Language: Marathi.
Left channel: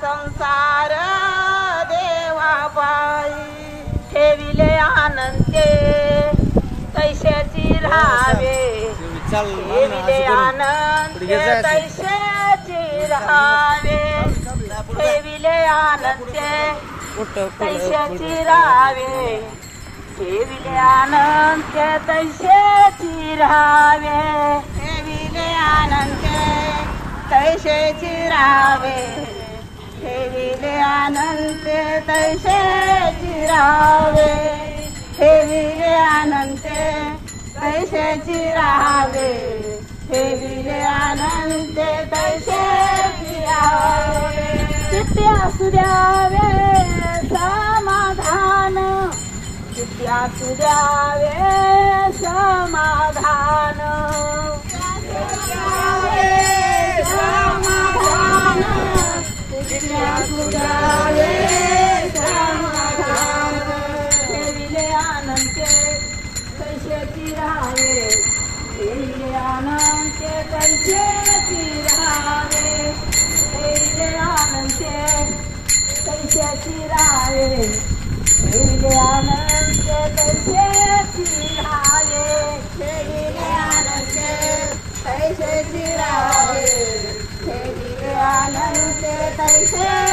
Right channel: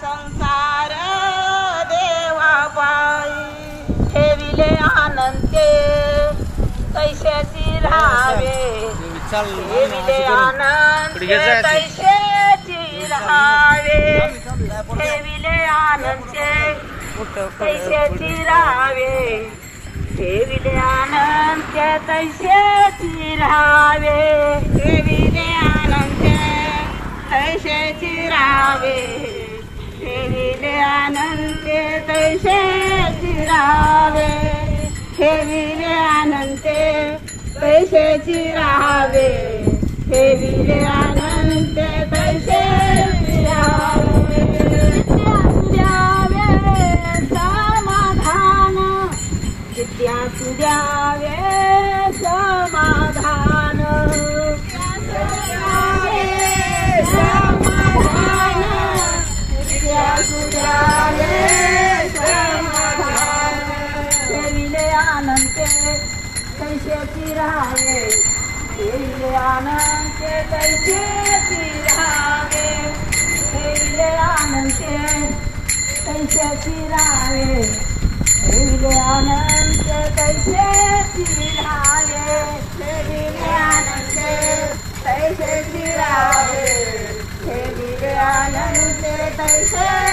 संसार देवा पायी ठेविले अनंते तैशाची राहावे ठेविले अनंते तैशाची राहावे ठेविले अनंते तैशाची राहावे ठेविले अनंते तैशाची राहावे ठेविले अनंते तैशाची राहावे ठेविले अनंते तैशाची राहावे ठेविले अनंते तैशाची राहावे ठेविले अनंते तैशाची राहावे विद्या सुद्यावे समाधान विद्या सुद्यावे समाधान समाधान विद्या सुद्यावे समाधान ठेविले अनंते तैशाची राहावे ठेविले अनंते तैशाची राहावे ठेविले अनंते तैशाची राहावे ठेविले अनंते तैशाची राहावे ठेविले अनंते तैशाची राहावे ठेविले अनंते तैशाची